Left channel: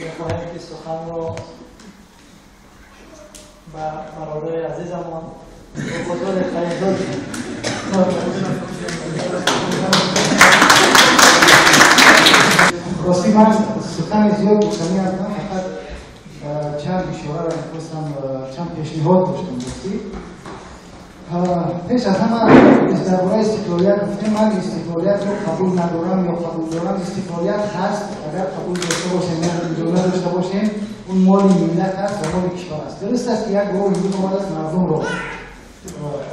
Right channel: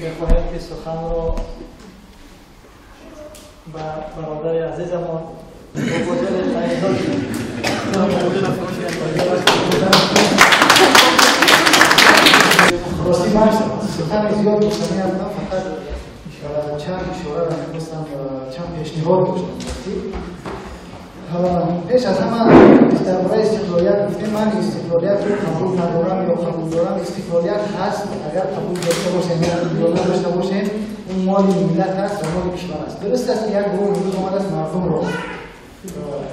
می‌خواهیم که سخن رو به برادر عزیزمون بزرگ فهمیدن راستی من سخن زیاد گفتنی هستم، فقط چند اشاره را می‌خواستم، چند پیشنهاد داشتم. پیش از همه درباره استقلالیت گفتیم. من استقلالیت رو قبول ندارم یا قبول دارم. استقلالیت هست، اگر قبول داشته باشیم یا نداشته باشیم اون مال ملت هست و مال کشور است. درست است که یک گروه امروز آمده است مردم رو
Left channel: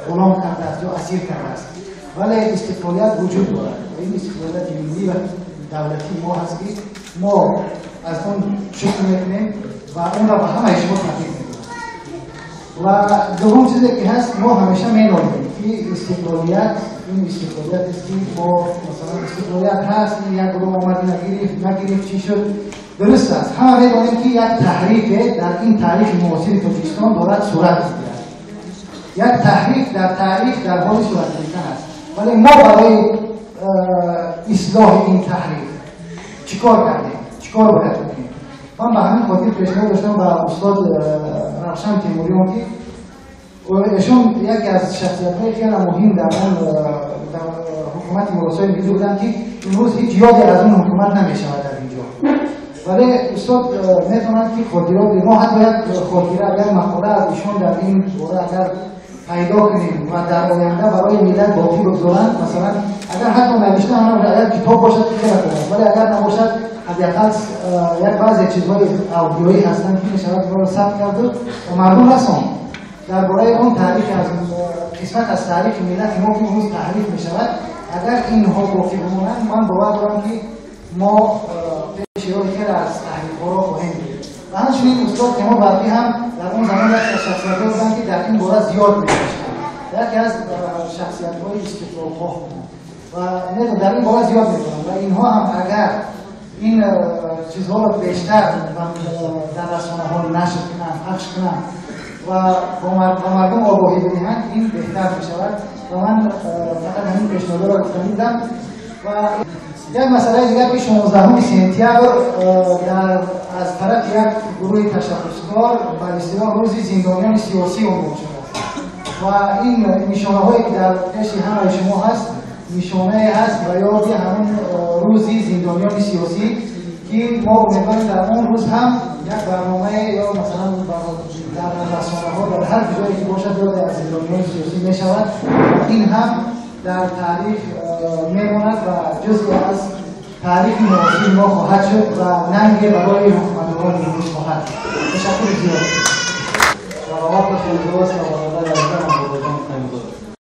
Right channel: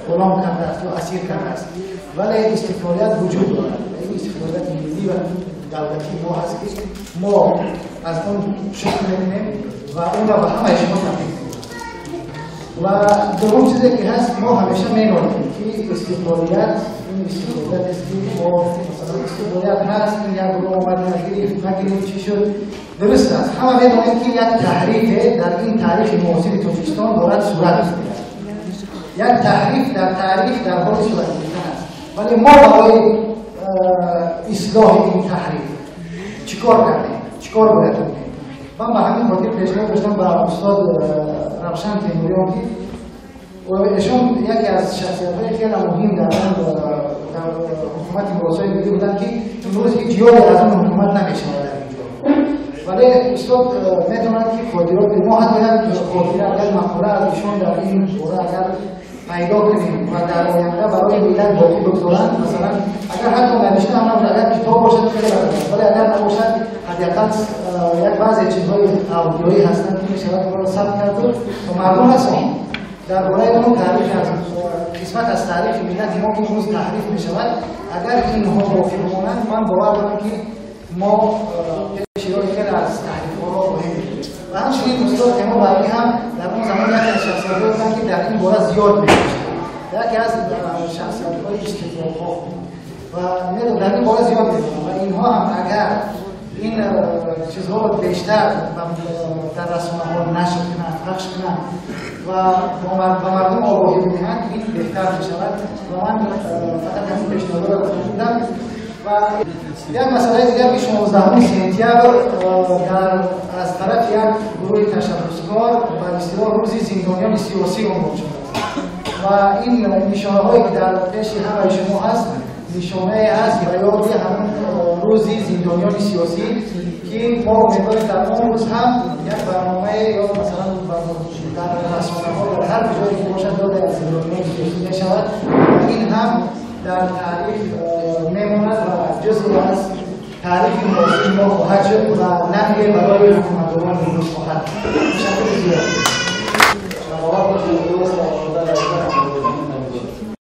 غلام کرده است یا اسیر کرده است، ولی استقلالیت وجود دارد. این استقلالیت ملی و دولتی ما هست که ما از اون شکر میکنیم و اون را به همه شما تبریک میگیم. و دوم چیزی که هست، ما همیشه می‌دانیم که استقلالیت این استقلالیت است که ما مثلا استقلالیت هست که یک گروه آمد نگرفت چی شد. درست است، همه می‌دانیم که یک تحریف در این تاریخ معاصر تاجیکستان دارد صورت می‌گیرد. یک تحریف در تاریخ در حال صورت گرفتن است، ولی ما برای اصلاح این تحریف چیکار کردیم؟ چیکار باید بکنیم؟ من به همین خاطر پیشنهاد داشتم به استاد روشن تیموریان که ایشون یکی از شخصیت‌های خیلی مهم در حکومت مراسای ملی بودن که امروز هیچ یادی از اون حکومت نمی‌شود در اینجا. ولی استاد می‌تونند که خاطرات ما حتی یک خاطره اگر مقوله از ایشون در این دوره اگر پیدا کنیم و در آینده برای ملت باقی بگذارند، مثلا اگر حتی نوشته هم نباشد، کتاب باشد خیلی خوب، ولی اگر نباشد حداقل یک بعضی چیزهای آدیویی هستند که می‌شود برای ثبت کرده و مردم هستند درباره اون تاریخ از قسمت از تاریخ ملت ما که امروز تحریف می‌شود. اگر اینها باقی بمانند، من باور دارم که ما پیش روی خیلی از تحریف‌ها را خواهیم گرفت. و همچنین استاد که ما باقی هم در اون زمان یک از شخصیت‌ها بودند که در این باره زیاد می‌نوشتند. یکی از شخصیت‌های استقلال‌خواه و در این باره زیاد می‌دونم و اینها هم اگر این چیزها رو بیشتر در رسانه‌ها نشر کنند، پخش کنند و به مردم آگاهی بدهند، این بهتر می‌شود. و من فقط همین پیشنهاد را گفتم بودم. و یک مسئله دیگر که 16 سپتامبر از طرف یک گروه تشبثکار به اصطلاح روز زندانیان سیاسی عنوان شده و این نشانه‌هایی که در پیش همه شما هست نشانه است و یادی همون روز زندانیان سیاسی که ما امیدواریم در اون روز هم یک برنامه یا مثلا در رسانه‌ها در هر جایی که باشد یاد از زندانیان سیاسی می‌شود. این هم در تاریخ میماند و جزئی از تاریخ معاصر ما خواهد شد و ننگ برای حکومت‌ها امروز خواهد. تشکر زیاد.